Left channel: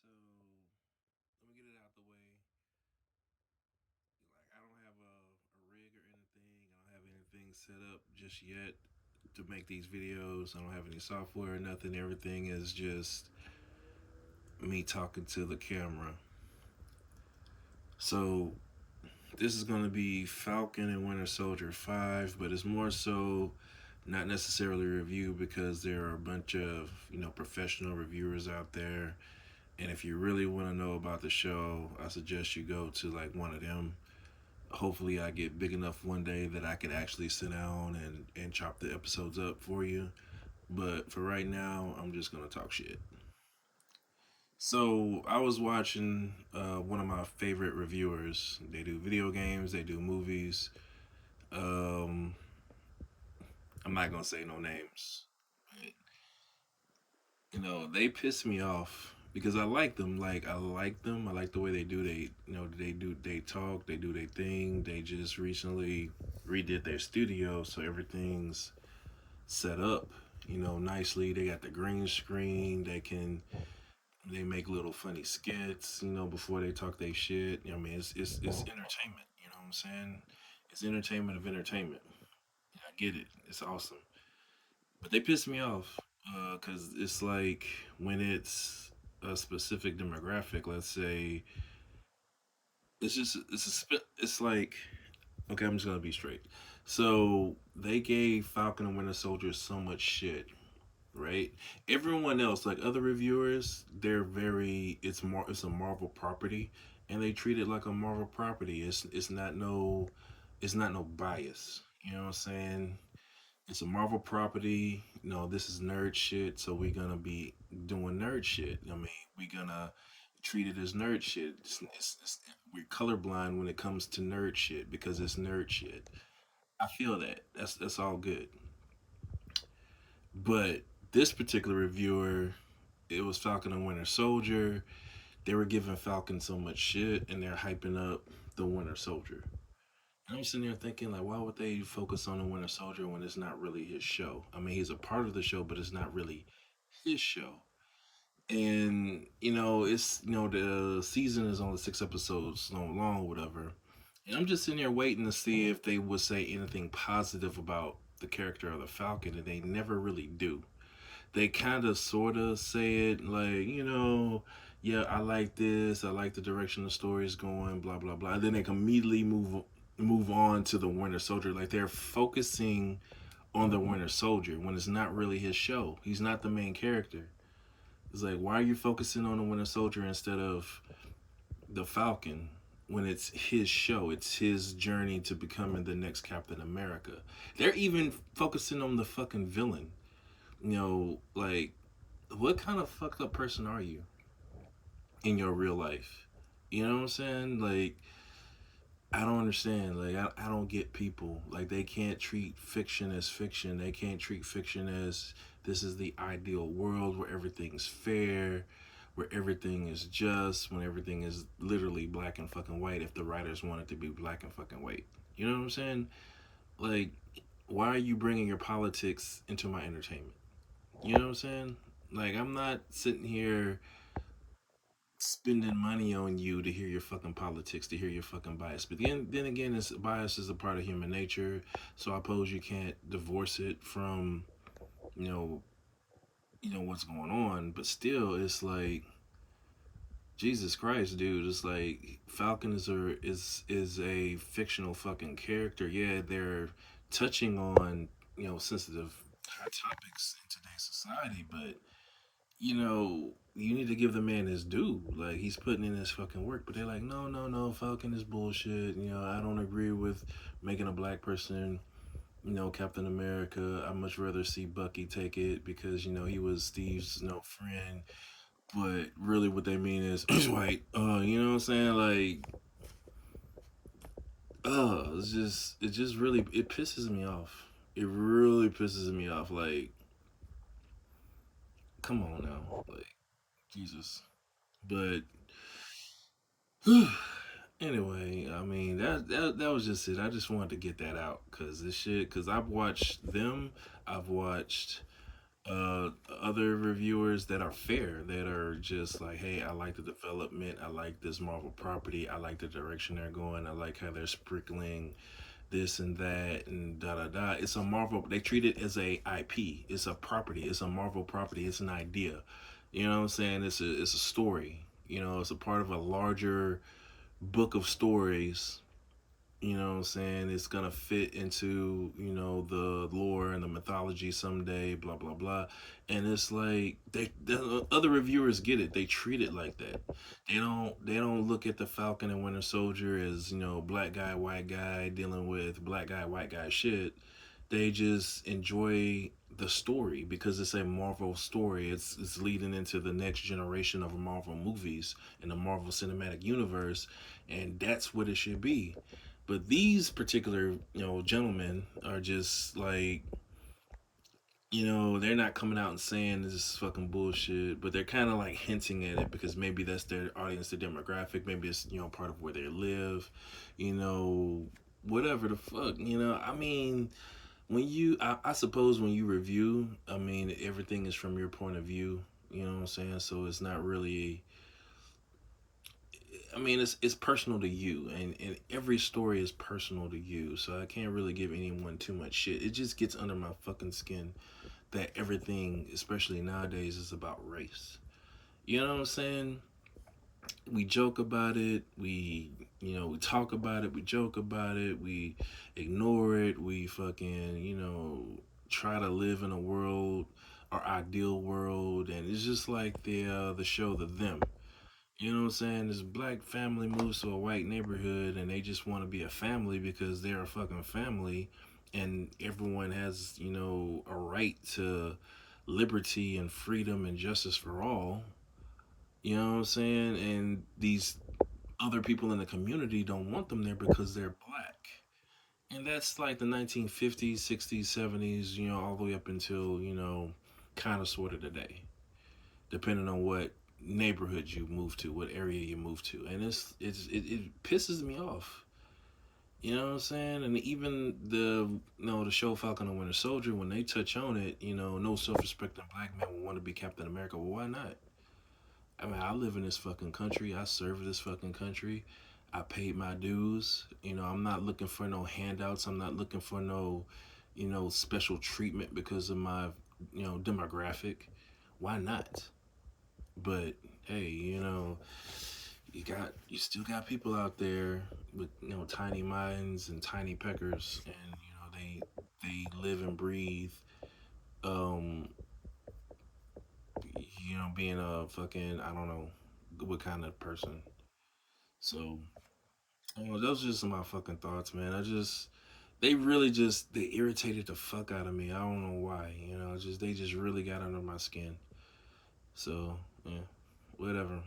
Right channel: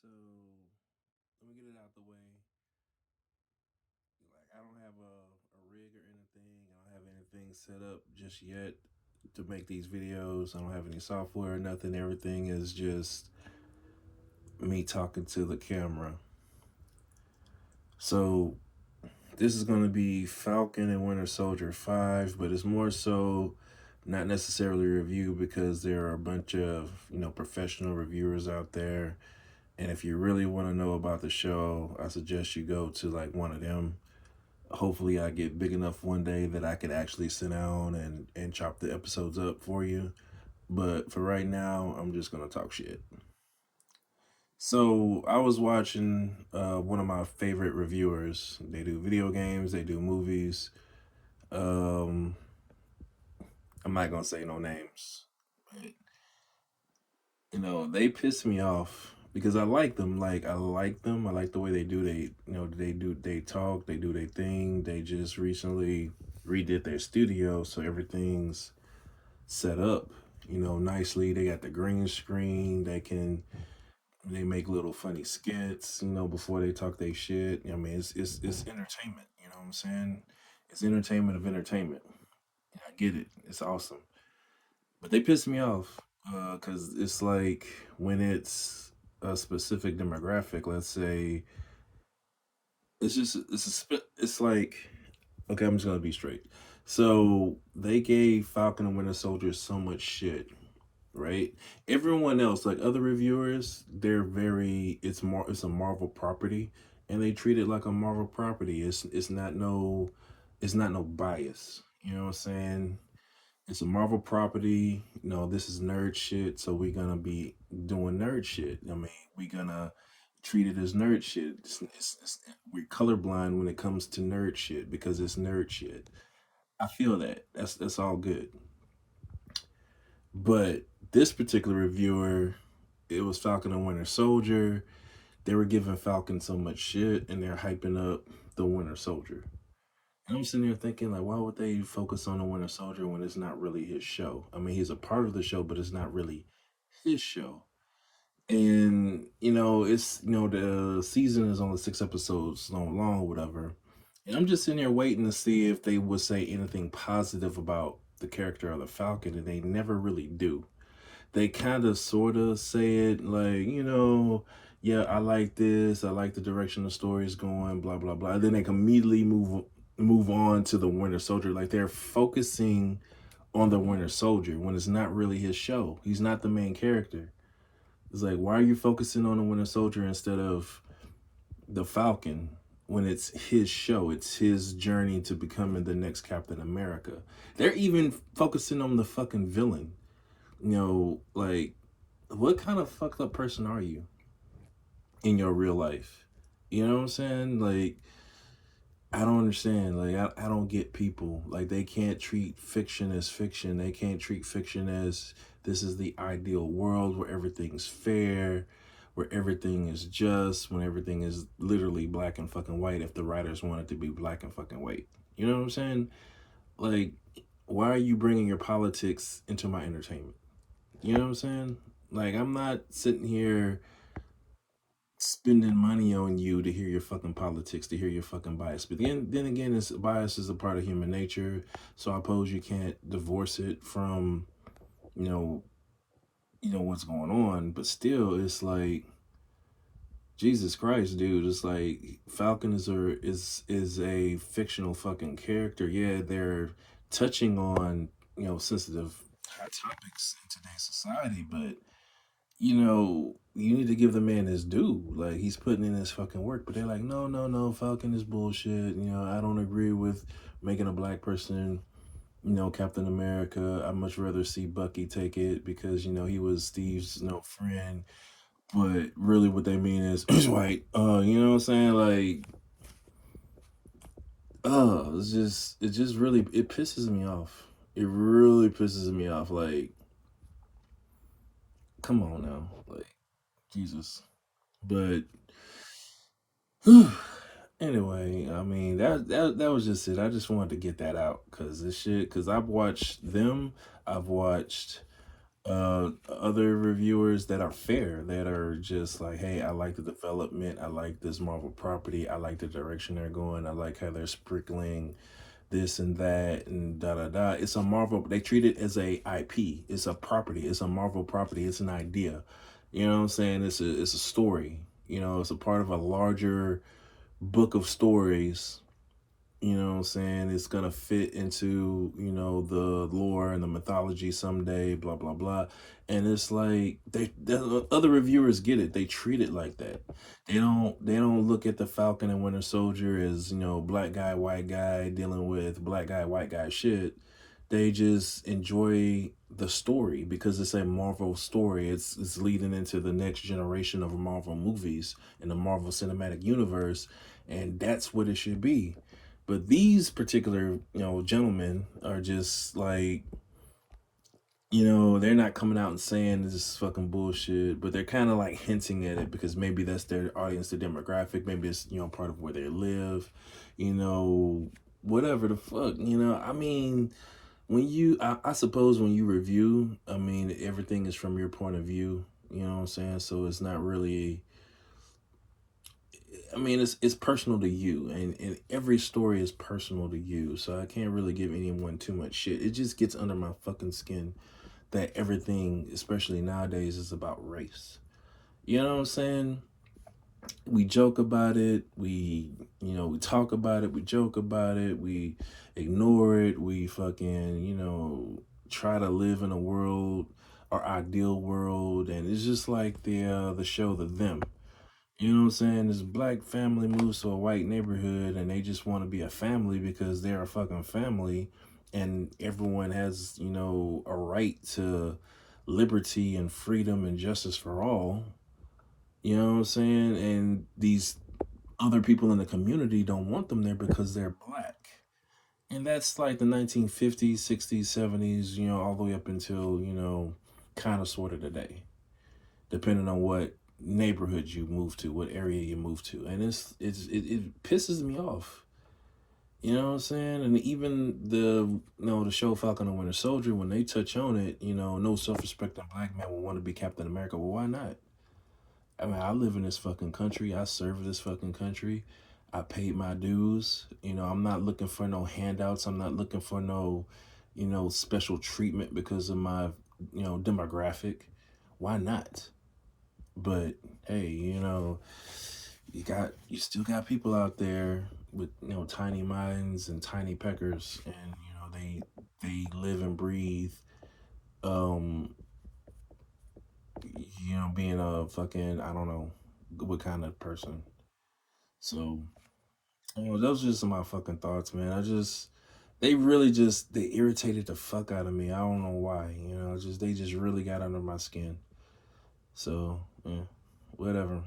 So let me get it out the way. Like I don't have a rig or anything. I don't have anything set up just yet to make these videos. I don't have any software or nothing. Everything is just me talking to the camera. So this is going to be Falcon and Winter Soldier 5, but it's more so not necessarily a review because there are a bunch of, professional reviewers out there. And if you really want to know about the show, I suggest you go to like one of them. Hopefully I get big enough one day that I can actually sit down and chop the episodes up for you. But for right now, I'm just gonna talk shit. So I was watching one of my favorite reviewers. They do video games, they do movies. Um, I'm not gonna say no names, but they piss me off because I like them. Like I like them. I like the way they do. They talk. They do their thing. They just recently redid their studio, so everything's set up. Nicely. They got the green screen. They make little funny skits. Before they talk their shit. I mean, it's entertainment. You know what I'm saying? It's entertainment of entertainment. I get it. It's awesome. But they piss me off because it's like when it's a specific demographic. Let's say it's like okay, I'm just gonna be straight. So they gave Falcon and Winter Soldier so much shit, right? Everyone else, like other reviewers, they're very it's a Marvel property, and they treat it like a Marvel property. It's not no bias. You know what I'm saying? It's a Marvel property. This is nerd shit, so we're gonna be doing nerd shit. I mean, we're gonna treat it as nerd shit. We're colorblind when it comes to nerd shit because it's nerd shit. I feel that. That's all good. But this particular reviewer, it was Falcon and Winter Soldier. They were giving Falcon so much shit, and they're hyping up the Winter Soldier. And I'm sitting there thinking, like, why would they focus on the Winter Soldier when it's not really his show? I mean, he's a part of the show, but it's not really his show. And it's the season is only 6 episodes long, whatever. And I'm just sitting there waiting to see if they would say anything positive about the character of the Falcon, and they never really do. They kind of sort of say it like, yeah, I like this, I like the direction the story is going, blah blah blah. And then they can immediately move on to the Winter Soldier. Like they're focusing on the Winter Soldier when it's not really his show. He's not the main character. It's like, why are you focusing on the Winter Soldier instead of the Falcon when it's his show? It's his journey to becoming the next Captain America. They're even focusing on the fucking villain. Like, what kind of fucked up person are you in your real life? You know what I'm saying? Like, I don't understand. Like, I don't get people. Like, they can't treat fiction as fiction. They can't treat fiction as this is the ideal world where everything's fair, where everything is just, when everything is literally black and fucking white if the writers want it to be black and fucking white. You know what I'm saying? Like, why are you bringing your politics into my entertainment? You know what I'm saying? Like, I'm not sitting here spending money on you to hear your fucking politics, to hear your fucking bias. But then again, it's bias is a part of human nature. So I suppose you can't divorce it from, you know, what's going on. But still, it's like Jesus Christ, dude. It's like Falcon is a fictional fucking character. Yeah, they're touching on sensitive hot topics in today's society, but you need to give the man his due. Like he's putting in his fucking work, but they're like, no, no, no, Falcon is bullshit. I don't agree with making a black person, Captain America. I'd much rather see Bucky take it because he was Steve's friend. But really, what they mean is he's white. You know what I'm saying? Like, it just really it pisses me off. It really pisses me off. Like, come on now, like Jesus. But anyway, I mean that was just it. I just wanted to get that out because this shit. Because I've watched them. I've watched Other reviewers that are fair, that are just like, hey, I like the development, I like this Marvel property, I like the direction they're going, I like how they're sprinkling this and that and da da da. It's a Marvel. They treat it as a IP. It's a property. It's a Marvel property. It's an idea. You know what I'm saying? It's a story. You know, it's a part of a larger book of stories. You know what I'm saying? It's gonna fit into, the lore and the mythology someday, blah blah blah. And it's like the other reviewers get it. They treat it like that. They don't look at the Falcon and Winter Soldier as, black guy, white guy dealing with black guy, white guy shit. They just enjoy the story because it's a Marvel story. It's leading into the next generation of Marvel movies in the Marvel Cinematic Universe, and that's what it should be. But these particular, gentlemen are just like, they're not coming out and saying this is fucking bullshit, but they're kind of like hinting at it because maybe that's their audience, their demographic. Maybe it's, part of where they live, you know, whatever the fuck, I mean, I suppose when you review, I mean, everything is from your point of view, you know what I'm saying? So it's not really, I mean, it's personal to you, and every story is personal to you. So I can't really give anyone too much shit. It just gets under my fucking skin that everything, especially nowadays, is about race. You know what I'm saying? We joke about it. We talk about it. We joke about it. We ignore it. We fucking, try to live in a world, our ideal world, and it's just like the show The Them. You know what I'm saying? This black family moves to a white neighborhood and they just want to be a family because they're a fucking family, and everyone has, a right to liberty and freedom and justice for all. You know what I'm saying? And these other people in the community don't want them there because they're black. And that's like the 1950s, 60s, 70s, all the way up until, kind of sort of today, depending on what neighborhood you move to, what area you move to, and it pisses me off. You know what I'm saying? And even the show Falcon and Winter Soldier, when they touch on it, no self-respecting black man will want to be Captain America. Well, why not? I mean, I live in this fucking country. I serve this fucking country. I paid my dues. I'm not looking for no handouts. I'm not looking for no, special treatment because of my, demographic. Why not? But hey, you still got people out there with, tiny minds and tiny peckers, and they live and breathe, um being a fucking, I don't know what kind of person. So, those are just my fucking thoughts, man. They really just, they irritated the fuck out of me. I don't know why, just they just really got under my skin. So, yeah, whatever.